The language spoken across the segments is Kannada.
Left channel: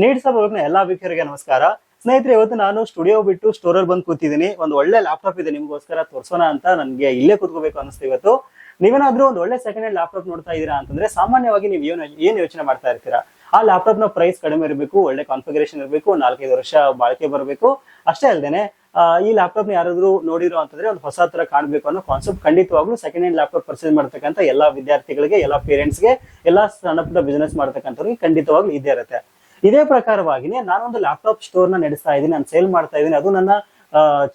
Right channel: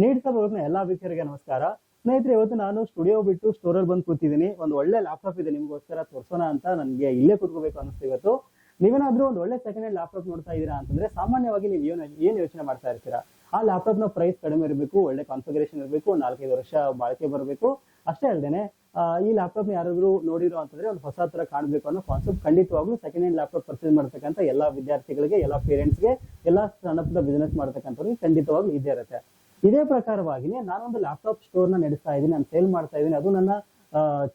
ನೀಡ್ಸ್ ಹೋಗ್ನ ಎಲ್ಲಾ ವೀಕ್ಷಕರಿಗೆ ನಮಸ್ಕಾರ. ಸ್ನೇಹಿತರೆ, ಇವತ್ತು ನಾನು ಸ್ಟುಡಿಯೋ ಬಿಟ್ಟು ಸ್ಟೋರಲ್ಲಿ ಬಂದು ಕೂತಿದ್ದೀನಿ. ಒಂದು ಒಳ್ಳೆ ಲ್ಯಾಪ್ಟಾಪ್ ಇದೆ ನಿಮ್ಗೋಸ್ಕರ ತೋರ್ಸೋಣ ಅಂತ ನನಗೆ ಇಲ್ಲೇ ಕೂತ್ಕೋಬೇಕು ಅನಿಸ್ತು. ಇವತ್ತು ನೀವೇನಾದ್ರೂ ಒಂದು ಒಳ್ಳೆ ಸೆಕೆಂಡ್ ಹ್ಯಾಂಡ್ ಲ್ಯಾಪ್ಟಾಪ್ ನೋಡ್ತಾ ಇದೀರಾ ಅಂತಂದ್ರೆ ಸಾಮಾನ್ಯವಾಗಿ ನೀವು ಏನ್ ಯೋಚನೆ ಮಾಡ್ತಾ ಇರ್ತೀರಾ? ಆ ಲ್ಯಾಪ್ಟಾಪ್ ನ ಪ್ರೈಸ್ ಕಡಿಮೆ ಇರಬೇಕು, ಒಳ್ಳೆ ಕಾನ್ಫಿಗರೇಷನ್ ಇರಬೇಕು, 4-5 ವರ್ಷ ಬಾಳಿಕೆ ಬರಬೇಕು. ಅಷ್ಟೇ ಅಲ್ಲದೆ ಈ ಲ್ಯಾಪ್ಟಾಪ್ ನ ಯಾರಾದ್ರೂ ನೋಡಿರೋ ಅಂತಂದ್ರೆ ಒಂದು ಹೊಸ ತರ ಕಾಣಬೇಕು ಅನ್ನೋ ಕಾನ್ಸೆಪ್ಟ್ ಖಂಡಿತವಾಗ್ಲೂ ಸೆಕೆಂಡ್ ಹ್ಯಾಂಡ್ ಲ್ಯಾಪ್ಟಾಪ್ ಪರ್ಚೇಸ್ ಮಾಡ್ತಕ್ಕಂಥ ಎಲ್ಲಾ ವಿದ್ಯಾರ್ಥಿಗಳಿಗೆ, ಎಲ್ಲಾ ಪೇರೆಂಟ್ಸ್ಗೆ, ಎಲ್ಲಾ ಸಣ್ಣ ಪುಟ್ಟ ಬಿಸ್ನೆಸ್ ಮಾಡ್ತಕ್ಕಂಥವ್ರಿಗೆ ಖಂಡಿತವಾಗ್ಲೂ ಇದೇ ಇರುತ್ತೆ. ಇದೇ ಪ್ರಕಾರವಾಗಿನೇ ನಾನೊಂದು ಲ್ಯಾಪ್ಟಾಪ್ ಸ್ಟೋರ್ ನ ನಡೆಸ್ತಾ ಇದ್ದೀನಿ, ನಾನು ಸೇಲ್ ಮಾಡ್ತಾ ಇದ್ದೀನಿ. ಅದು ನನ್ನ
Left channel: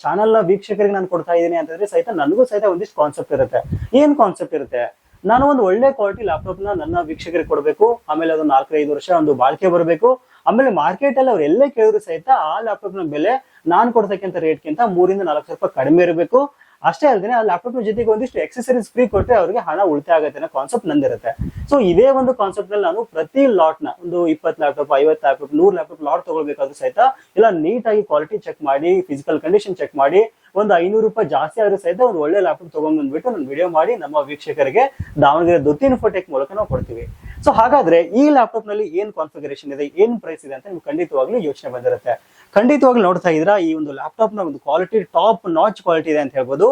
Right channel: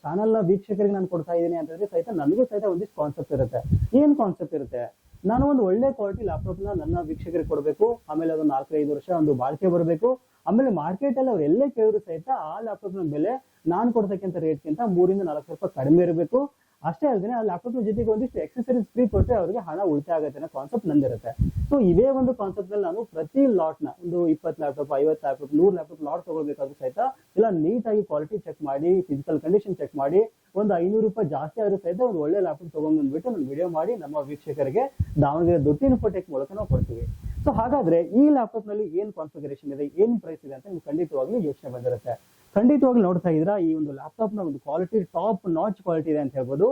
ಚಾನಲ್ ನ ವೀಕ್ಷಕರಿಗೆ ನಾನು ಕೊಡ್ತಾ ಇದ್ದೀನಿ ಅಂತಂದ್ರೆ ಸಹಿತ ನನಗೂ ಸಹಿತ ಒಂದಿಷ್ಟು ಕಾನ್ಸೆಪ್ಟ್ ಇರುತ್ತೆ. ಏನ್ ಕಾನ್ಸೆಪ್ಟ್ ಇರುತ್ತೆ? ನಾನು ಒಂದು ಒಳ್ಳೆ ಕ್ವಾಲಿಟಿ ಲ್ಯಾಪ್ಟಾಪ್ ನ ನನ್ನ ವೀಕ್ಷಕರಿಗೆ ಕೊಡಬೇಕು, ಆಮೇಲೆ ಅದು 4-5 ವರ್ಷ ಒಂದು ಬಾಳಿಕೆ ಬರಬೇಕು. ಆಮೇಲೆ ಮಾರ್ಕೆಟ್ ಅಲ್ಲಿ ಅವ್ರು ಎಲ್ಲೇ ಕೇಳಿದ್ರು ಸಹಿತ ಆ ಲ್ಯಾಪ್ಟಾಪ್ ನ ಬೆಲೆ ನಾನು ಕೊಡ್ತಕ್ಕಂಥ ರೇಟ್ಗಿಂತ 3-4 ರೂಪಾಯಿ ಕಡಿಮೆ ಇರಬೇಕು. ಅಷ್ಟೇ ಅಲ್ಲದೆ ಆ ಲ್ಯಾಪ್ಟಾಪ್ ಜೊತೆಗೆ ಒಂದಿಷ್ಟು ಎಕ್ಸೆಸರೀಸ್ ಫ್ರೀ ಕೊಟ್ಟರೆ ಅವ್ರಿಗೆ ಹಣ ಉಳಿತಾಯ ಆಗುತ್ತೆ ಅನ್ನೋ ಕಾನ್ಸೆಪ್ಟ್ ನಂದಿರುತ್ತೆ. ಸೊ ಇದೇ ಒಂದು ಕಾನ್ಸೆಪ್ಟ್ ನಲ್ಲಿ ನಾನು ಪ್ರತಿ ಲಾಟ್ ನ ಒಂದು 20 ಲ್ಯಾಪ್ಟಾಪ್, 50 ಲ್ಯಾಪ್ಟಾಪ್, 100 ಲ್ಯಾಪ್ಟಾಪ್ ಲಾಟ್ ತಗೊಳ್ಬೇಕಾದ್ರೂ ಸಹಿತ ಎಲ್ಲ ನೀಟಾಗಿ ಕ್ವಾಲಿಟಿ ಚೆಕ್ ಮಾಡಿ, ಫಿಸಿಕಲ್ ಕಂಡೀಷನ್ ಚೆಕ್ ಮಾಡಿ, ಒಂದು 500 ರೂಪಾಯಿ ಜಾಸ್ತಿ ಆದ್ರೂ ಸಹಿತ ಒಂದು ಒಳ್ಳೆ ಲ್ಯಾಪ್ಟಾಪ್ ತಗೊಂಡ್ ಬಂದ್ಬಿಟ್ಟು ನಾನು ವಿಡಿಯೋ ಮಾಡಿ ನಮ್ಮ ವೀಕ್ಷಕರಿಗೆ ದಾವಣಗೆರೆ ದೊತ್ತಿ ಇನ್ಫೋಟೆಕ್ ಮೂಲಕ ನಾವು ಕೊಡ್ತೀವಿ. ಸೊ ಹಾಗಾದ್ರೆ ಈ ಲ್ಯಾಪ್ಟಾಪ್ ನಲ್ಲಿ ಏನ್ ಕಾನ್ಫಿಗರೇಷನ್ ಇದೆ, ಏನ್ ಪ್ರೈಸ್ ಇದೆ ಅಂತ ನಿಮ್ಗೆ ಖಂಡಿತವಾಗ್ಲೂ ಯೋಚನೆ ಬಂದಿರುತ್ತೆ. ಖಂಡಿತವಾಗ್ಲೂ ನೋಡ್ತಾ ಇದ್ದೀರಾ, ಈ ಒಂದು ಲ್ಯಾಪ್ಟಾಪ್ ನ ಒಂದು ಕ್ವಾಲಿಟಿ ಟಾಪ್ ನಾಚ್ ಕ್ವಾಲಿಟಿ ಇದೆ ಅಂತ ಹೇಳ್ಬೋದು.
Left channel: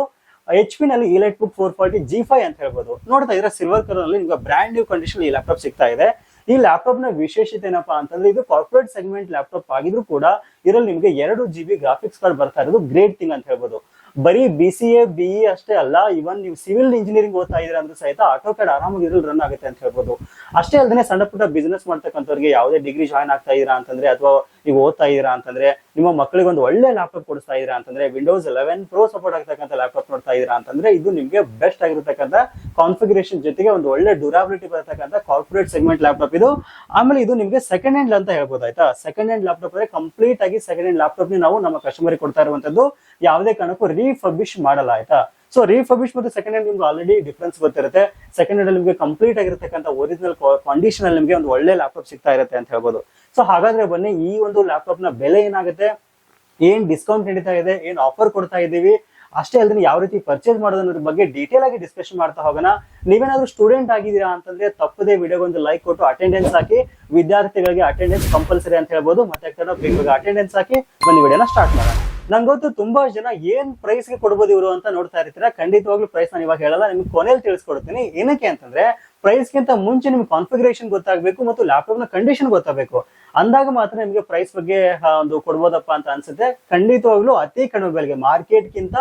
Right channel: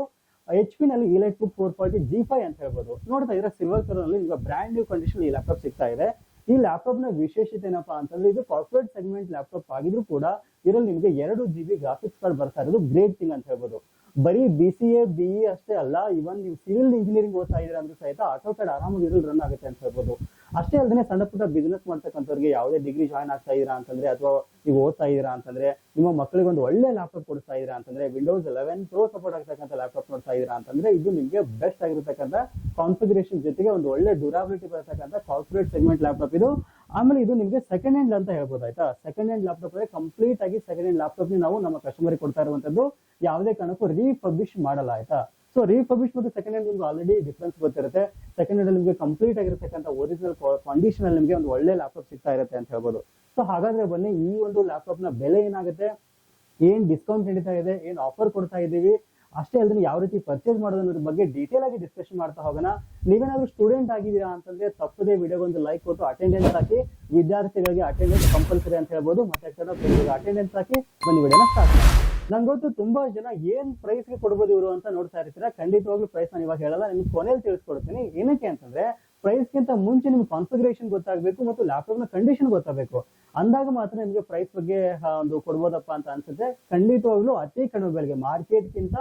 HP ನಲ್ಲಿ EliteBook 440 G5 ಅಂತ ಹೇಳ್ಬೋದು. ನೋಡ್ತಾ ಇದ್ರೆ ಸಿಲ್ವರ್ ಕಲರ್ ನಲ್ಲಿ ನಿಮ್ಗೆ ಬ್ರ್ಯಾಂಡ್ ನ್ಯೂ ಕಂಡೀಷನ್ ಈ ಲ್ಯಾಪ್ಟಾಪ್ ಸಿಗ್ತಾ ಇದೆ. ಈ ಲ್ಯಾಪ್ಟಾಪ್ ನ ವಿಶೇಷತೆ ಏನಪ್ಪಾ ಅಂತಂದ್ರೆ ಇದು ಕಾರ್ಪೊರೇಟ್ ಸೆಗ್ಮೆಂಟ್ ಲ್ಯಾಪ್ಟಾಪ್ ಆಗಿದ್ರು ಕೂಡ ಇದರಲ್ಲಿ ನಿಮ್ಗೆ 2 GB ಗ್ರಾಫಿಕ್ಸ್ ಕಾರ್ಡ್ ಬರ್ತಾ ಇರೋದು ಗ್ರೇಟ್ ಥಿಂಗ್ ಅಂತ ಹೇಳ್ಬೋದು. ಬರೀ BCA BE ಅಷ್ಟೇ ಅಲ್ಲ, ಇವನ್ ನೀವು ಸಿವಿಲ್ ಇಂಜಿನಿಯರಿಂಗ್ ಓದ್ತಾ ಇದೀರ ಅಂದ್ರೆ ಸಹಿತ ಆಟೋಕ್ಯಾಡ್ ಆರಾಮಾಗಿ ಇದ್ರಲ್ಲಿ ರನ್ ಆಗುತ್ತೆ ಅಂತ ಹೇಳ್ಬೋದು. ಅಷ್ಟೇ ಅಲ್ಲದೆ ಸಣ್ಣ ಪುಟ್ಟ ಬಿಸ್ನೆಸ್ ಮಾಡ್ತಕ್ಕಂಥವ್ರಿಗೆ ಯಾವುದೇ ಡಿಗ್ರಿ ಜಾಯ್ನ್ ಆಗ್ತಾ ಇದೀರಾ ಅಂತಂದ್ರೆ, ಅಥವಾ ನೀವು ಓದ್ತಾ ಇದೀರಾ ಅಂತಂದ್ರೆ, ನಿಮ್ಮ ಮಕ್ಕಳಿಗೆ ಒಂದು ಒಳ್ಳೆ ಲ್ಯಾಪ್ಟಾಪ್ ಕೊಡಿಸ್ತಾ ಇದೀರಾ ಅಂತಂದ್ರೆ, Windows 11 Pro ಸಪೋರ್ಟ್ ಆಗ್ತಕ್ಕಂಥ ಲ್ಯಾಪ್ಟಾಪ್ ನೋಡ್ತಾ ಇದೀರಾ ಅಂತಂದ್ರೆ ಇದು ನಿಮ್ಗೆ ಬೆಸ್ಟ್ ಆಗಿರತಕ್ಕಂಥ ಕಾನ್ಫಿಗರೇಷನ್ ಜೊತೆಗೆ ಒಂದು ಒಳ್ಳೆ ಡ್ಯೂರಾಬಿಲಿಟಿ ಬರತಕ್ಕಂಥ ಕಾರ್ಪೊರೇಟ್ ಸೆಗ್ಮೆಂಟ್ ಲ್ಯಾಪ್ಟಾಪ್ ಇದು. ಆಮೇಲೆ ಇದು ನಿಮ್ಗೆ ಸೆಕೆಂಡ್ ಹ್ಯಾಂಡ್ ಅಂತ ಹೇಳ್ಬೋದು. ಆಯ್ತಾ, ಸೆಕೆಂಡ್ ಹ್ಯಾಂಡ್ ಲ್ಯಾಪ್ಟಾಪ್ ಅಂದ್ರೆ ಕಂಪ್ಲೀಟ್ ಆಗಿ ಸೆಕೆಂಡ್ ಹ್ಯಾಂಡ್ ಲ್ಯಾಪ್ಟಾಪ್ ನಾವು ನಮ್ಮ ಕಸ್ಟಮರ್ ಕೊಡ್ತಾ ಇರುವಂತದ್ದು. ಯಾವುದೇ ಕಾರಣಕ್ಕೂ ರೀಫರ್ಬಿಶ್ ಮಾಡಲ್ಲ. ಆಯ್ತಾ, ಸೊ ರೀಫರ್ಬಿಶ್ ಮತ್ತು ಸೆಕೆಂಡ್ ಹ್ಯಾಂಡ್ ನಿಮ್ಗೆ ಆಲ್ರೆಡಿ ಡಿಫ್ರೆನ್ಸ್ ಗೊತ್ತಿರುತ್ತೆ. ಸೆಕೆಂಡ್ ಹ್ಯಾಂಡ್ ನಿಮಗೆ ಕಂಪ್ಲೀಟ್ ಆಗಿರತಕ್ಕಂಥ ಒರಿಜಿನಲ್ ಕಂಡೀಷನ್ ಅಲ್ಲಿ ನಿಮಗೆ ಒಂದು ಒಳ್ಳೆ ಲ್ಯಾಪ್ಟಾಪ್ ಸಿಗ್ತಾ ಇರುತ್ತೆ ಅಂತ ಹೇಳ್ಬೋದು. ಸೊ ಹಾಗಾದ್ರೆ ಬನ್ನಿ, ಈ ಒಂದು ಲ್ಯಾಪ್ಟಾಪ್ ನ ಬೆಲೆ ಏನಾಗುತ್ತೆ, ಏನ್ ಡಿಸ್ಕೌಂಟ್ ನಡೀತಾ ಇದೆ, ಏನ್ ಆಫರ್ ಕೊಡ್ತಾ ಇದೀವಿ, ಅಷ್ಟೇ ಅಲ್ಲದೆ ಯಾವ ರೀತಿ ಪರ್ಚೇಸ್ ಮಾಡೋದ್ರ ಬಗ್ಗೆ ಡೀಟೇಲ್ ಆಗಿ ಡಿಸ್ಕಷನ್ ಮಾಡ್ತಾ ಹೋಗೋಣ. ನೀವೇನಾದ್ರೂ ಸ್ಟೂಡೆಂಟ್ ಆಗಿದ್ದೀರಾ ಅಂತಂದ್ರೆ ತಪ್ಪದೇ ವಿಡಿಯೋಗೆ ಒಂದು ಲೈಕ್ ಕೊಟ್ಟು ಅಟೆಂಡೆನ್ಸ್ ಹಾಕಿ. ವಿದ್ಯಾರ್ಥಿಗಳಿಗೆ ಅಟೆಂಡೆನ್ಸ್ ಕಂಪಲ್ಸರಿ ಅಂತ ಹೇಳ್ಬೋದು. ಮತ್ತೆ ಅಟೆಂಡೆನ್ಸ್ ಹಾಕಿ ಬನ್ನಿ ವಿಡಿಯೋನ ಸ್ಟಾರ್ಟ್ ಮಾಡೋಣ. ನಂಗೆ ಗೊತ್ತು ತುಂಬಾ ಜನ ಏನ್ ಪ್ರೈಸ್ ಗೆ ಕೊಡ್ಬೋದು ಇವರು ಅಂತ ನೋಡ್ತಾ ಇರ್ತೀರಾ. ಖಂಡಿತವಾಗ್ಲೂ ಪ್ರೈಸ್ ನಾನು ಇವಾಗ ಹೇಳಲ್ಲ, ನಿಮ್ಗೆ ಕೊನೆಯಲ್ಲಿ ತಿಳಿಸ್ಕೊಡ್ತೀನಿ. ಏನಕ್ಕೆ ಅಂತಂದ್ರೆ ಪ್ರೈಸ್ ಗಿಂತ ಮುಂಚೆ ನಿಮ್ಗೆ ಕಾನ್ಫಿಗರೇಷನ್ ಗೊತ್ತಾಗಬೇಕು ಮತ್ತು ಲ್ಯಾಪ್ಟಾಪ್ ನ ಕಂಡೀಷನ್ ಗೊತ್ತಾಗಬೇಕು. ಅಂದಾಗ ಮಾತ್ರ ನಿಮ್ಗೆ ಪ್ರೈಸ್ ಬಗ್ಗೆ ಒಂದು ಕೊಡ್ಬೋದಪ್ಪ ಅಂತ ಅನ್ಸುತ್ತೆ. ಖಂಡಿತವಾಗ್ಲೂ ಅತಿ ಕಡಿಮೆ ಬೆಲೆಗೆ, ಮಾರ್ಕೆಟ್ ಗಿಂತ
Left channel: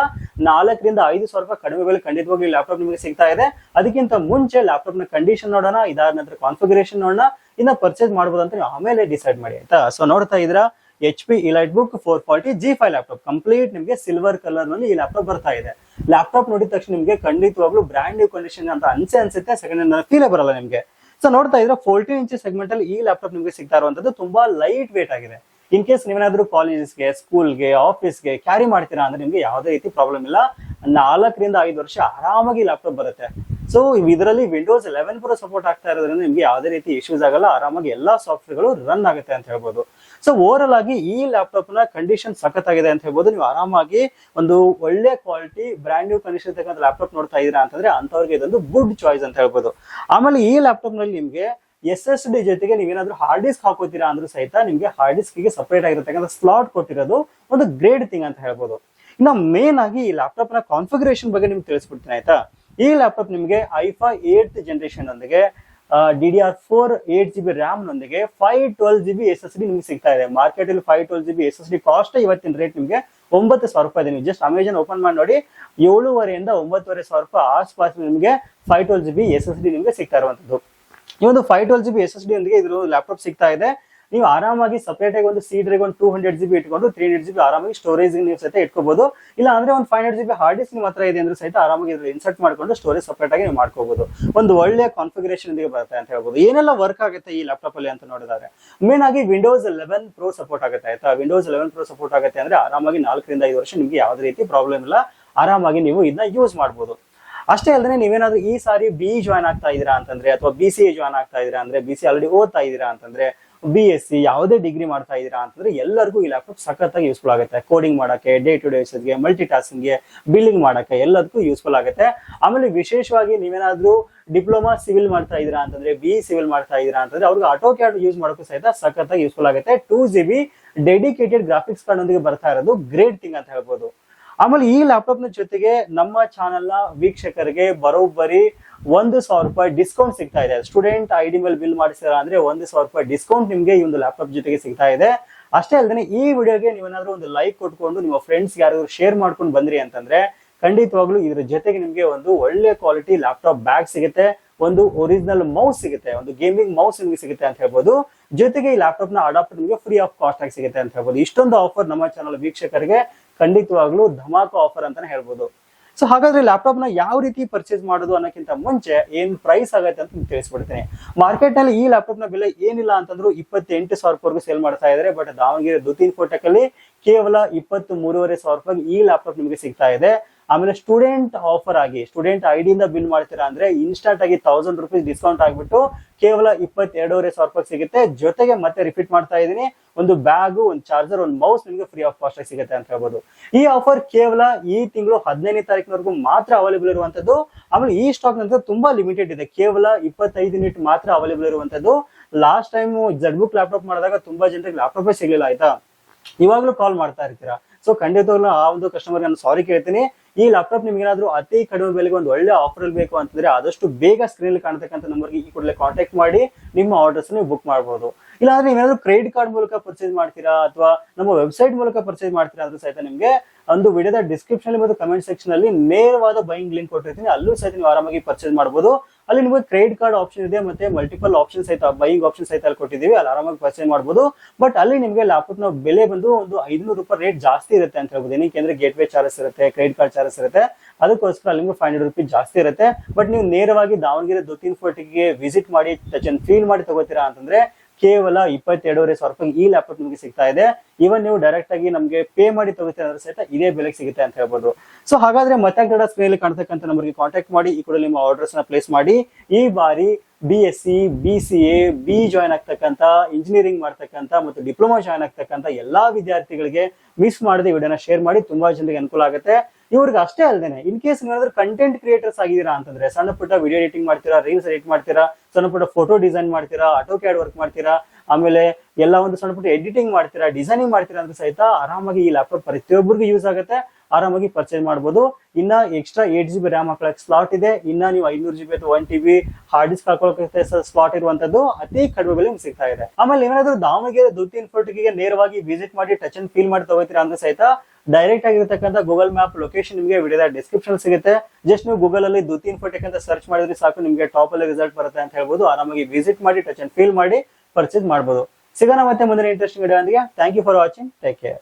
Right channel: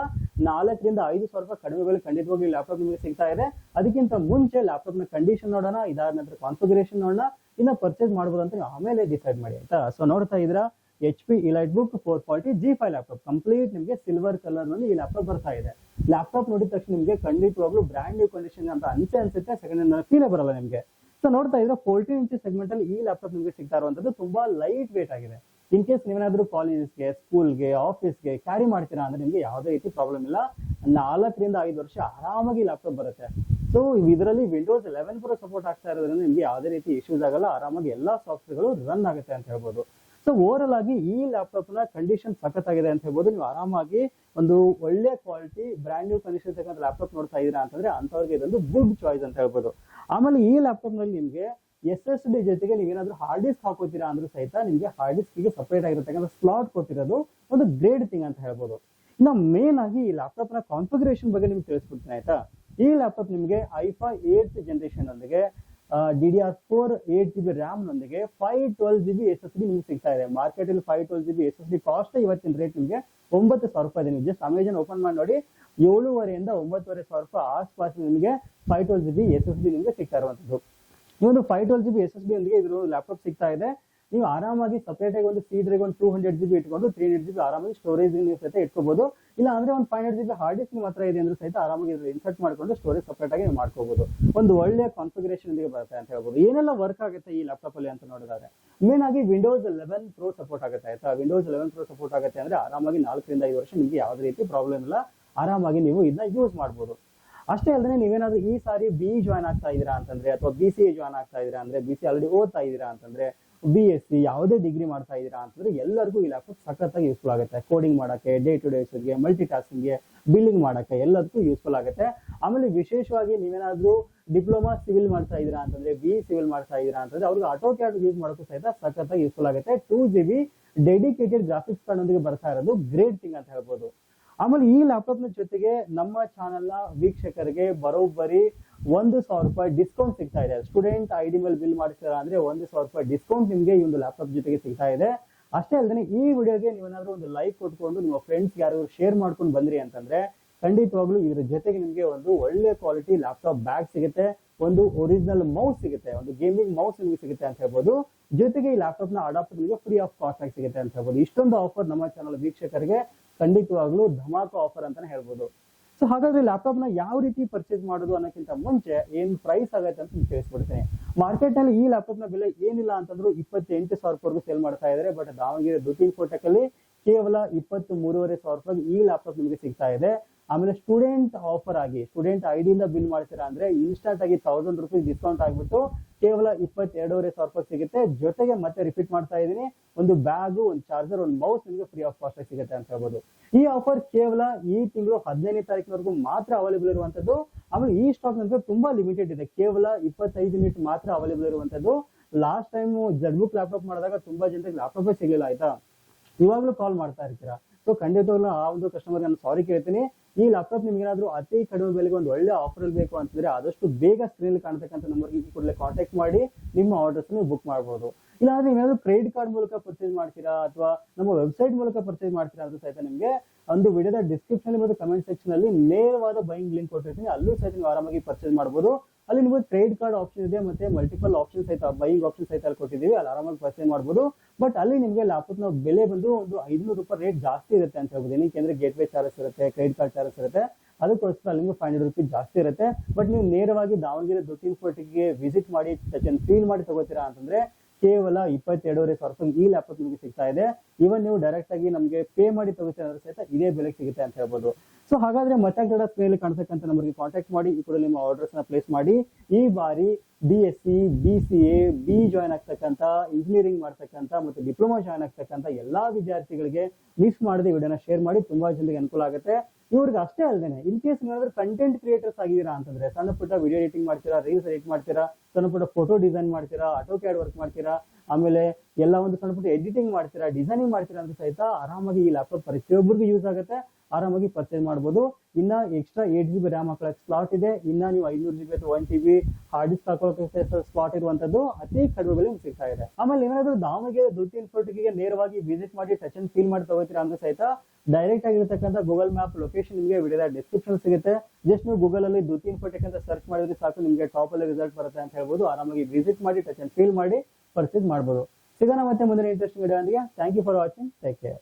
4-5 ಸಾವಿರ ರೂಪಾಯಿ ಕಡಿಮೆ ಬೆಲೆ ಖಂಡಿತವಾಗ್ಲೂ ಲ್ಯಾಪ್ಟಾಪ್ ನಿಮಗೆ ಸಿಗ್ತಾ ಇದೆ. ಅದಕ್ಕಿಂತ ಮುಂಚೆ ಲ್ಯಾಪ್ಟಾಪ್ ನ ಕಂಡೀಷನ್ ನೋಡೋಣ, ಇದಾದ ನಂತರ ಕಾನ್ಫಿಗರೇಷನ್ ನೋಡೋಣ, ಇನ್ನ ಪರ್ಚೇಸ್ ಮಾಡ್ಬೋದು ಅಂತ ನೀವು ಆಮೇಲೆ ಡಿಸೈಡ್ ಮಾಡಿ. ಆಯ್ತಾ, ಸೊ ನೋಡ್ತಾ ಇದ್ರ HP EliteBook 440 G5 laptop complete ನಿಮಗೆ ಸಿಲ್ವರ್ ಕಲರ್ ನಲ್ಲಿ ಈ ಲ್ಯಾಪ್ಟಾಪ್ ಬರ್ತಾ ಇದೆ. ಲ್ಯಾಪ್ಟಾಪ್ ನೋಡಿದ ತಕ್ಷಣ ನಿಮಗೆ ಖಂಡಿತವಾಗ್ಲೂ ಬ್ರ್ಯಾಂಡ್ ನ್ಯೂ ಕಂಡೀಷನ್ ಅಂತ ಅನ್ಸುತ್ತೆ. ಸೆಕೆಂಡ್ ಹ್ಯಾಂಡ್ ಫೀಲೇ ಬರಲ್ಲ ನಿಮಗೆ. ಸೊ ನೋಡ್ತಾ ಇದ್ರೆ 14 ಇಂಚ್ ಸೆಗ್ಮೆಂಟ್ ಅಲ್ಲಿ ಈ ಲ್ಯಾಪ್ಟಾಪ್ ನಿಮಗೆ ಸಿಗ್ತಾ ಇರುವಂತದ್ದು ತುಂಬಾ ಲೈಟ್ ವೇಟ್ ಆಗಿದೆ. ಇನ್ ಕೇಸ್ ನೀವೇನಾದ್ರೂ ಕಾಲೇಜಸ್ಗೆ, ಸ್ಕೂಲ್ಗೆ, ಆಫೀಸ್ಗೆ ಕ್ಯಾರಿ ಮಾಡ್ತೀರಾ ಅಂದ್ರೆ ನಿಮ್ಗೆ ಯಾವುದೇ ರೀತಿ ಪ್ರಾಬ್ಲಮ್ ಇಲ್ಲ. 4-5 ವರ್ಷ ಆರಾಮಾಗಿ ಲ್ಯಾಪ್ಟಾಪ್ ಬರುತ್ತೆ. ಸೊ ಇದರಲ್ಲಿ Windows 11 Pro ಸಪೋರ್ಟ್ ಆಗ್ತಾ ಇರೋದ್ರಿಂದ ನಿಮ್ಗೆ ಯಾವುದೇ ರೀತಿ ಇಶ್ಯೂಸ್ ಆಗಲ್ಲ, ಆರಾಮಾಗಿ ಎಲ್ಲಾ ಸಾಫ್ಟ್ವೇರ್ಗಳು ರನ್ ಆಗುತ್ತೆ ಅಂತ ಹೇಳ್ಬೋದು. ಸೊ ಓವರ್ ಆಗಿ ಈ ಲ್ಯಾಪ್ಟಾಪ್ ನ ಕಂಡೀಷನ್ ಸಖತ್ತಾಗಿದೆ ಅಂತ ಹೇಳ್ಬೋದು. ನೀವು ಆರಾಮಾಗಿ ಒಂದು ಒಳ್ಳೆ ಕ್ವಾಲಿಟಿ ಬ್ರ್ಯಾಂಡ್ ನ್ಯೂ ಕಂಡೀಷನ್ ಇರ್ತಕ್ಕಂಥ ಲ್ಯಾಪ್ಟಾಪ್ ನೋಡ್ತಾ ಇದೀರಾ ಅಂತಂದ್ರೆ ಅಂತವ್ರಿಗೆ ಇದೊಂದು ಗುಡ್ ಚಾಯ್ಸ್ ಅಂತ ಹೇಳ್ಬೋದು. ಆಮೇಲೆ ಈ ಲ್ಯಾಪ್ಟಾಪ್ ನಲ್ಲಿ ನಿಮ್ಗೆ SSD ಜೊತೆಗೆ ನೀವೇನಾದ್ರೂ ಹಾರ್ಡ್ ಡಿಸ್ಕ್ ಹಾಕೋತೀರಾ ಅಂದ್ರೂ ಸಹಿತ ನಿಮ್ಗೆ ಹಾರ್ಡ್ ಡಿಸ್ಕ್ ಗೆ ಸಪರೇಟ್ ಆಗಿರತಕ್ಕಂಥ ಸ್ಲಾಟ್ ಕೊಟ್ಟಿರೋದು ಒಂದು ಗ್ರೇಟ್ ಥಿಂಗ್ ಅಂತ ಹೇಳ್ಬೋದು. ಇನ್ನು ಮೇನ್ ಆಗಿ ಈ ಲ್ಯಾಪ್ಟಾಪ್ ನ ಕಾನ್ಫಿಗರೇಷನ್ ಬಗ್ಗೆ ನಿಮ್ಗೆ ತಿಳಿಸ್ಬಿಡ್ತೀನಿ. ಆಯ್ತಾ, ಈ ಲ್ಯಾಪ್ಟಾಪ್ ನಿಮ್ಗೆ i5 8th ಜನರೇಷನ್ ಒಂದಿಗೆ DDR4 8GB RAM ನೊಂದಿಗೆ 512 GB SSD ನಿಮ್ಗೆ ಸಿಗ್ತಾ ಇದೆ. ಮಾರ್ಕೆಟ್ ಅಲ್ಲಿ 512 GB SSD ಕಾಸ್ಟ್ ಇವತ್ತಿನ ರೇಟ್ ನಿಮ್ಗೆ 9,000 ರೂಪಾಯಿ ಇದೆ. ನೀವು ಜಸ್ಟ್ ಅಮೆಜಾನ್ ಓಪನ್ ಮಾಡಿ ನೋಡಿ, 7,500 ರಿಂದ 9,500 ರೂಪಾಯಿ ಆಸ್ಪಾಸ್ ನಿಮ್ಗೆ 512 GB SSD ನಿಮ್ಗೆ ಸಿಗ್ತಾ ಇರುವಂತದ್ದು. ಈ ಒಂದು 512 GB SSD ಒಂದಿಗೆ ಇದ್ರ ಲ್ಯಾಪ್ಟಾಪ್ ಸಿಗ್ತಾ ಇದೆ. ನೀವು ಆರಾಮಾಗಿ ಸಪರೇಟ್ ಆಗಿ ಒಂದು ಸಿ ಡ್ರೈವ್ ಒಂದು 200 GB ಇಟ್ಕೊಂಡು 300 GB ಆರಾಮಾಗಿ ಸ್ಟೋರೇಜ್ ನೀವು ಸಹಿತ ಇಟ್ಕೋಬಹುದು. ಇಲ್ಲ ಅಂದ್ರೆ ಒಂದು 500 GB ಹಾರ್ಡ್ ಡಿಸ್ಕ್ ನಿಮ್ಮ ಹತ್ರ ಇದೆ ಅಂದ್ರೆ ಸಹಿತ ಆರಾಮಾಗಿ ಇನ್ಸರ್ಟ್ ಮಾಡ್ಕೊಂಡು ಸ್ಟೋರೇಜ್ ಸಪರೇಟ್ ಆಗಿ ನೀವು ಮಾಡ್ಕೋಬಹುದು. ಒಂದು ಒಳ್ಳೆ ಕಾನ್ಫಿಗರೇಷನ್ ಬರುತ್ತೆ ಅಂತ ಹೇಳ್ಬೋದು. ಏನೆಲ್ಲ ವರ್ಕ್ ಆಗುತ್ತೆ ಈ ಲ್ಯಾಪ್ಟಾಪ್ ಅಲ್ಲಿ ಅಂತ ನೋಡಿದ್ರೆ ಮೇನ್ ಆಗಿ Windows 11 Pro ಸಪೋರ್ಟ್ ಆಗುತ್ತೆ. ಆಯ್ತಾ, Windows 11 Pro ಸಪೋರ್ಟ್ ಆಗುತ್ತೆ ಅಂದ್ರೆ ಆರಾಮಾಗಿ 4-5 ವರ್ಷ ನಿಮ್ಗೆ ಯಾವುದೇ ರೀತಿ ಪ್ರಾಬ್ಲಮ್ ಇಲ್ಲ, ಆರಾಮಾಗಿ ನೀವು ಇದನ್ನ ಯೂಸ್ ಮಾಡ್ಬೋದು. ಅಷ್ಟೇ ಅಲ್ಲದೆ ನೀವೇನಾದ್ರೂ ಈ ಸಾರಿ BE ಜಾಯ್ನ್ ಆಗ್ತಾ ಇದೀರಾ ಅಂತಂದ್ರೆ, ಅಥವಾ BCA ಜಾಯ್ನ್ ಆಗ್ತಾ ಇದೀರಾ ಅಂದ್ರೆ, BCA ಆಲ್ರೆಡಿ ಓದ್ತಾ ಇದೀರಾ ಅಂತಂದ್ರೆ, BSc ಯಾವುದೇ ಡಿಗ್ರಿ ಮಾಡ್ತಾ ಇದ್ದೀರಾ ಅಂತಂದ್ರೆ ಎಲ್ಲರಿಗೂ ಈ ಲ್ಯಾಪ್ಟಾಪ್ ಸಖತ್ತಾಗಿ ಯೂಸ್ಫುಲ್ ಆಗುತ್ತೆ. ಕೋಡಿಂಗ್ ಮಾಡಕ್ಕೆ, ಡೇ ಟು ಡೇ ಯೂಸೇಜ್ಗೆ, ಮಲ್ಟಿ ಟಾಸ್ಕಿಂಗ್ಗೆ, ಬಿಲ್ಲಿಂಗ್ ಮಾಡಕ್ಕೆ ಎಲ್ಲದಕ್ಕೂ ಯೂಸ್ಫುಲ್ ಆಗುತ್ತೆ. ಆಮೇಲೆ ವಿಶೇಷವಾಗಿ ನೀವೇನಾದ್ರೂ ಡಿಪ್ಲೊಮಾ ಸಿವಿಲ್ ಮಾಡ್ತಾ ಇದ್ದೀರಾ ಅಂತಂದ್ರೆ, BE ಸಿವಿಲ್ ಮಾಡ್ತಾ ಇದ್ದೀರಾ ಅಂತಂದ್ರೆ ಅವ್ರಿಗೆ ಆಟೋ ಕ್ಯಾಡ್ ಯೂಸ್ ಮಾಡೋಕ್ಕೂ ಸಹಿತ ಸಖತ್ತಾಗಿ ಯೂಸ್ಫುಲ್ ಆಗುತ್ತೆ. 2GB ಡೆಡಿಕೇಟೆಡ್ ಗ್ರಾಫಿಕ್ಸ್ ಕಾರ್ಡ್ ಒಂದಿಗೆ ಬರ್ತಾ ಇರೋದು ಗ್ರೇಟ್ ಥಿಂಗ್ ಅಂತ ಹೇಳ್ಬೋದು. ಆಮೇಲೆ ಈ ಲ್ಯಾಪ್ಟಾಪ್ ನ ಜೊತೆಗೆ ನಮ್ಮ ಚಾನೆಲ್ ನ ವೀಕ್ಷಕರಿಗೆ ಬರೋಬ್ಬರಿ 1,000 ರೂಪಾಯಿ ಡಿಸ್ಕೌಂಟ್ ಸಿಗ್ತಾ ಇದೆ. ಸ್ಟೂಡೆಂಟ್ ID ಮೇಲೆ ಬಿಲ್ ಮಾಡಿಸಿರ ಅಂದ್ರೆ 1,000 ರೂಪಾಯಿ ಡಿಸ್ಕೌಂಟ್ ನಿಮ್ಗೆ ಈ ಒಂದು ಲ್ಯಾಪ್ಟಾಪ್ ಜೊತೆಗೆ ಸಿಗ್ತಾ ಇದೆ. ಅಷ್ಟೇ ಅಲ್ಲದೆ ಈ ವಿಡಿಯೋಗೆ ನೀವೇನಾದ್ರೂ ಒಂದು ಲೈಕ್ ಕೊಟ್ಕೊಂಡು ನಿಮ್ಮ ಫ್ರೆಂಡ್ಸ್ ಯಾರಾದ್ರೂ ಶೇರ್ ಮಾಡ್ಕೊಂಡು ಬಂದ್ರಿ ಅಂತಂದ್ರೆ ಖಂಡಿತವಾಗ್ಲೂ ಇದ್ರ ಜೊತೆಗೆ ನಿಮ್ಗೆ ಒಂದು ಒಳ್ಳೆ ಕ್ವಾಲಿಟಿ ಲ್ಯಾಪ್ಟಾಪ್ ಬ್ಯಾಗ್ ಸಿಗುತ್ತೆ, ಒಂದು ಒರಿಜಿನಲ್ ಮೌಸ್ ಸಿಗುತ್ತೆ, ಒಂದು ಗೇಮಿಂಗ್ ಮೌಸ್ ನಿಮಗೆ ಸಿಗುತ್ತೆ ಅಂತ ಹೇಳ್ಬೋದು. ಜೊತೆಗೆ ಈ ಲ್ಯಾಪ್ಟಾಪ್ ನ ಅಡಾಪ್ಟರ್ ನಿಮಗೆ ಫ್ರೀ ಆಫ್ ಕಾಸ್ಟ್ ಆಗಿ ಸಿಗುತ್ತೆ ಅಂತ ಹೇಳ್ಬೋದು. ಇಷ್ಟೊಂದು ಆಫರ್ ನಮ್ಮ ಚಾನಲ್ ವೀಕ್ಷಕರಿಗೆ ಖಂಡಿತವಾಗ್ಲೂ ಧಮಾಕ ಆಫರ್ ಅಂತಾನೆ ಹೇಳ್ಬೋದು. ಸೊ ಹಾಗಾದ್ರೆ ಲ್ಯಾಪ್ಟಾಪ್ ನ ಯಾವ ರೀತಿ ಪರ್ಚೇಸ್ ಮಾಡೋದು ಅನ್ನೋಕ್ಕಿಂತ ಮುಂಚೆ ಏನ್ ಪ್ರೈಸ್ ಆಗುತ್ತೆ ಅಂತ ತಿಳಿಸ್ಬಿಡ್ತೀನಿ. ಮಾರ್ಕೆಟ್ ನಲ್ಲಿ ಈ ಲ್ಯಾಪ್ಟಾಪ್ ನ ಬೆಲೆ ಏನಿಲ್ಲ ಅಂತಂದ್ರು 28,000 ರೂಪಾಯಿವರೆಗೂ ಸೇಲ್ ಮಾಡ್ತಾ ಇದ್ದಾರೆ. ಬಟ್ ದಾವಣಗೆರೆ ದುತೀನ್ ಫೋಟೆಕ್ ಅಲ್ಲಿ ಕೇವಲ 23,500 ರೂಪಾಯಿ ಈ ಲ್ಯಾಪ್ಟಾಪ್ ನಿಮಗೆ ಸಿಗ್ತಾ ಇದೆ. ಆಮೇಲೆ ಸ್ಟೂಡೆಂಟ್ ಆಫರ್ ಆಗಿ ಸ್ಟೂಡೆಂಟ್ ID ಇಂದ ಬಿಲ್ ಮಾಡ್ತೀರಾ ಅಂದ್ರೆ ಇನ್ಸ್ಟಂಟ್ ಆಗಿ 1,000 ರೂಪೀಸ್ ಡಿಸ್ಕೌಂಟ್ ಆಗ್ಬಿಟ್ಟು ಕೇವಲ 22,500 ರೂಪಾಯಿ ಸಿಗುತ್ತೆ. ಜೊತೆಗೆ ಮತ್ತೆ ರಿಪೀಟ್ ಮಾಡ್ತಾ ಇದ್ದೀನಿ, ಒಂದು ಬ್ಯಾಗ್, ಒಂದು ಚಾರ್ಜರ್, ಒಂದು ಮೌಸ್ ನಿಮಗೆ ಫ್ರೀ ಆಫ್ ಕಾಸ್ಟ್ ಆಗಿ ಸಿಗುತ್ತೆ ಅಂತ ಹೇಳ್ಬೋದು. ಈ ಆಫರ್ ಕೇವಲ ಈ ತಿಂಗಳು 15ನೇ ತಾರೀಕಿನವರೆಗೂ ಮಾತ್ರ ಅವೈಲೇಬಲ್ ಇರುವಂತದ್ದು. ಆಮೇಲೆ ಈ ಸ್ಟಾಕ್ ನಂತರ ತುಂಬಾ ಲಿಮಿಟೆಡ್ ಇದೆ, ಕೇವಲ 25 ಯೂನಿಟ್ ಮಾತ್ರ ಅವೈಲೇಬಲ್ ಇರುವಂತದ್ದು. ಲಾಸ್ಟ್ ಟೈಮ್ ZBook ಲ್ಯಾಪ್ಟಾಪ್ ಮಾಡಿದಾಗ ತುಂಬಾ ಜನರಿಗೆ ಲ್ಯಾಪ್ಟಾಪೇ ಸಿಗ್ಲಿಲ್ಲ, ಆಯ್ತಾ. ಇವಾಗ್ಲೂ ಕಾಲ್ ಮಾಡ್ತಾ ಇರ್ತೀರಾ. ಸೊ ಖಂಡಿತವಾಗ್ಲೂ ಆ ಒಂದು ಕಸ್ಟಮರ್ ನಾನು ಸಾರಿ ಕೇಳ್ತೀನಿ. ಈ ಲ್ಯಾಪ್ಟಾಪ್ ನಿಮ್ಗೆ ಏನಾದ್ರು ಅತಿ ಕಡಿಮೆ ಬೆಲೆಗೆ ಒಂದು ಒಳ್ಳೆ ಆಫರ್ ಅಲ್ಲಿ ಬೇಕು ಅಂತಂದ್ರೆ ಆದಷ್ಟು ಬೇಗ ಸ್ಕ್ರೀನ್ ಕಾಣ್ತಕ್ಕಂಥ ನಂಬರ್ಗೆ ಈ ಕೂಡಲೇ ಕಾಂಟ್ಯಾಕ್ಟ್ ಮಾಡಿ ನಿಮ್ಮ ಆರ್ಡರ್ಸ್ ನೀವು ಬುಕ್ ಮಾಡಬಹುದು. ಇಲ್ಲಾಂದ್ರೆ ನೀವೇನಾದ್ರೂ ಕ್ರೆಡಿಟ್ ಕಾರ್ಡ್ ಮೂಲಕ ಪರ್ಚೇಸ್ ಮಾಡ್ತೀರಾ ಅಥವಾ ನಮ್ಮ ವೆಬ್ಸೈಟ್ ಮೂಲಕ ಪರ್ಚೇಸ್ ಮಾಡ್ತೀರಾ ಆದ್ರೂ ಸಹಿತ ನಿಮ್ಗೆ ಒಂದು ವಿಡಿಯೋದ ಡಿಸ್ಕ್ರಿಪ್ಷನ್ ಮತ್ತು ಕಮೆಂಟ್ ಸೆಕ್ಷನ್ ಅಲ್ಲಿ ನೇರವಾದ ಬೈಯಿಂಗ್ ಲಿಂಕ್ ಕೊಟ್ಟಿರ್ತೀನಿ, ಅಲ್ಲೂ ಸಹಿತ ನೀವು ಆರಾಮಾಗಿ ಪರ್ಚೇಸ್ ಮಾಡಬಹುದು. ಅಲ್ಲಿ ನಿಮಗೆ ಕ್ರೆಡಿಟ್ ಕಾರ್ಡ್ ಆಪ್ಷನ್ ಇದೆ, ಮತ್ತೆ ಮಲ್ಟಿಪಲ್ ಆಪ್ಷನ್ ಸಹಿತ ಬೈಯಿಂಗ್ ಆಪ್ಷನ್ ಸಹಿತ ಅಲ್ಲಿ ಕೊಟ್ಟಿದ್ದೀವಿ, ಅಲ್ಲಿ ಆರಾಮಾಗಿ ಪರ್ಚೇಸ್ ಮಾಡಬಹುದು. ಬಟ್ ಅಲ್ಲಿ ನಿಮಗೆ ಲ್ಯಾಪ್ಟಾಪ್ ನ ಬೆಲೆ ಬಂದು ಒಂದು 500 ರೂಪಾಯಿ ರೇಟ್ ಜಾಸ್ತಿ ಇರುತ್ತೆ ಅಂತ ಹೇಳ್ಬೋದು. ಏನಕ್ಕೆ ಗೇಟ್ ವೇ ಚಾರ್ಜಸ್ ಇರುತ್ತೆ, ಕ್ರೆಡಿಟ್ ಕಾರ್ಡ್ ಚಾರ್ಜಸ್ ಇರುತ್ತೆ, ಅದಕ್ಕೋಸ್ಕರ ಅಲ್ಲಿ ನಿಮಗೆ 500 ರೂಪಾಯಿ ಜಾಸ್ತಿ ಇರುತ್ತೆ. ಬಟ್ ನೀವು ನೇರವಾಗಿ ದಾವಣಗೆರೆ ದುತೀನ್ ಫೋರ್ಟಿಗೆ ವಿಸಿಟ್ ಮಾಡಿ ಟಚ್ ಅಂಡ್ ಫೀಲ್ ಮಾಡಿ ತಗೋತೀರಾ ಅಂತಂದ್ರೆ ಕೇವಲ 22,500 ರೂಪಾಯಿ ಈ ಲ್ಯಾಪ್ಟಾಪ್ ನಿಮಗೆ ಸಿಗ್ತಾ ಇದೆ. ಇವನ್ ನೀವು ಡೈರೆಕ್ಟ್ ಆಗಿ ನಮಗೆ ಪೇ ಮಾಡಿ ತಗೋತೀರ ಅಂದ್ರೆ ಸಹಿತ ಇದೇ ಬೆಲೆಗೆ ಸಿಗುತ್ತೆ ಅಂತ ಹೇಳ್ಬೋದು. ಸೊ ಹಾಗಾದ್ರೆ ಮತ್ತೆ ಸ್ಕ್ರೀನ್ ಕಾಣ್ತಕ್ಕಂಥ ನಂಬರ್ಗೆ ಕಾಂಟ್ಯಾಕ್ಟ್ ಮಾಡಿ ಈ ಕೂಡ ನಿಮ್ಮ ಆರ್ಡರ್ಸ್ ನ ಪ್ಲೇಸ್ ಮಾಡಿ. ಈ ಬಾರಿ BSc, BCA, BE ಜಾಯ್ನ್ ಆಗ್ತಕ್ಕಂಥ, ಇಂಜಿನಿಯರಿಂಗ್ ಮಾಡ್ತಕ್ಕಂಥ ಮತ್ತು ಡಿಪ್ಲೊಮಾ ಜಾಯ್ನ್ ಆಗ್ತಕ್ಕಂಥ ಎಲ್ಲಾ ವಿದ್ಯಾರ್ಥಿಗಳಿಗೆ ಮಿಸ್ ಮಾಡದೆ ವಿಡಿಯೋನ ಶೇರ್ ಮಾಡಿ, ತುಂಬಾ ಜನರಿಗೆ ಅನುಕೂಲ ಆಗುತ್ತೆ. ಇವ್ರಿಗೆ ಅಷ್ಟೇ ಅಲ್ಲದೇನೆ ಇನ್ ಕೇಸ್ ನೀವೇನಾದ್ರೂ ಕಂಟೆಂಟ್ ಕ್ರಿಯೇಟರ್ಸ್ ಆಗಿದ್ದೀರಾ ಅಂತಂದ್ರೆ, ಸಣ್ಣ ಪುಟ್ಟ ವಿಡಿಯೋ ಎಡಿಟಿಂಗ್ ಮಾಡ್ತೀರಾ, ರೀಲ್ಸ್ ಎಡಿಟ್ ಮಾಡ್ತೀರಾ, ಸಣ್ಣ ಪುಟ್ಟ ಫೋಟೋ ಡಿಸೈನ್ ಮಾಡ್ತೀರಾ, ಆಟೋ ಕ್ಯಾಡ್ ವರ್ಕ್ ಮಾಡ್ತೀರಾ, ಆಮೇಲೆ ಎಲ್ಲ ಒಂದು ಸಣ್ಣ ಪುಟ್ಟ ಎಡಿಟಿಂಗ್ ಮಾಡ್ತೀರಾ, ಡಿಸೈನಿಂಗ್ ಮಾಡ್ತೀರಾ ಅಂತ ಸಹಿತ ಆರಾಮಾಗಿ ಈ ಲ್ಯಾಪ್ಟಾಪ್ ಪ್ರತಿಯೊಬ್ಬರಿಗೂ ಯೂಸ್ ಆಗುತ್ತೆ, ಆರಾಮಾಗಿ ಪರ್ಚೇಸ್ ಮಾಡಬಹುದು. ಇನ್ನ ಎಕ್ಸ್ಟ್ರಾ 8GB ರ್ಯಾಮ್ ಹಾಕೊಳ್ಳಕ್ಕೆ ಸ್ಲಾಟ್ ಇದೆ. ಇನ್ನ ನೀವು 500GB ಅಥವಾ 1TB ಹಾರ್ಡ್ ಡಿಸ್ಕ್ ಹಾಕೊಳ್ಳಕ್ಕೆ ಸ್ಲಾಟ್ ಇರುವಂತದ್ದು ಅತಿ ಕಡಿಮೆ ಬೆಲೆ ಸಿಗ್ತಾ ಇದೆ. ಆಮೇಲೆ ಏನಾದ್ರು ದಾವಣಗೆರೆ ದುತೀನ್ ಫೋರ್ಟಿಗೆ ನೇರವಾಗಿ ವಿಸಿಟ್ ಮಾಡಿ ಟಚ್ ಅಂಡ್ ಫೀಲ್ ಮಾಡಿ ತಗೋತೀರಾ ಅಂದ್ರೆ ಸಹಿತ ಡೈರೆಕ್ಟ್ ಆಗಿರತಕ್ಕಂಥ ಗೂಗಲ್ ಮ್ಯಾಪ್ ಲೊಕೇಶನ್ ನಿಮಗೆ ವಿಡಿಯೋದ ಡಿಸ್ಕ್ರಿಪ್ಷನ್ ಸಿಗುತ್ತೆ. ಜಸ್ಟ್ ನೀವು ಗೂಗಲ್ ಅಲ್ಲಿ ದುತೀನ್ ಫೋರ್ಟಿಕ್ ಅಂತ ಸರ್ಚ್ ಮಾಡಿದ್ರೆ ಸಾಕು, ನಿಮಗೆ ಟಾಪ್ ಅಲ್ಲಿ ರಿಸಲ್ಟ್ ಬರುತ್ತೆ ಅಂತ ಹೇಳ್ಬೋದು. ಆರಾಮಾಗಿ ವಿಸಿಟ್ ಮಾಡಿ ಟಚ್ ಅಂಡ್ ಫೀಲ್ ಮಾಡಿ ಪರ್ಚೇಸ್ ಮಾಡಬಹುದು. ಸಿಗೋಣ ಮತ್ತೆ ಮುಂದಿನ interesting video. Thank you for watching. Take care.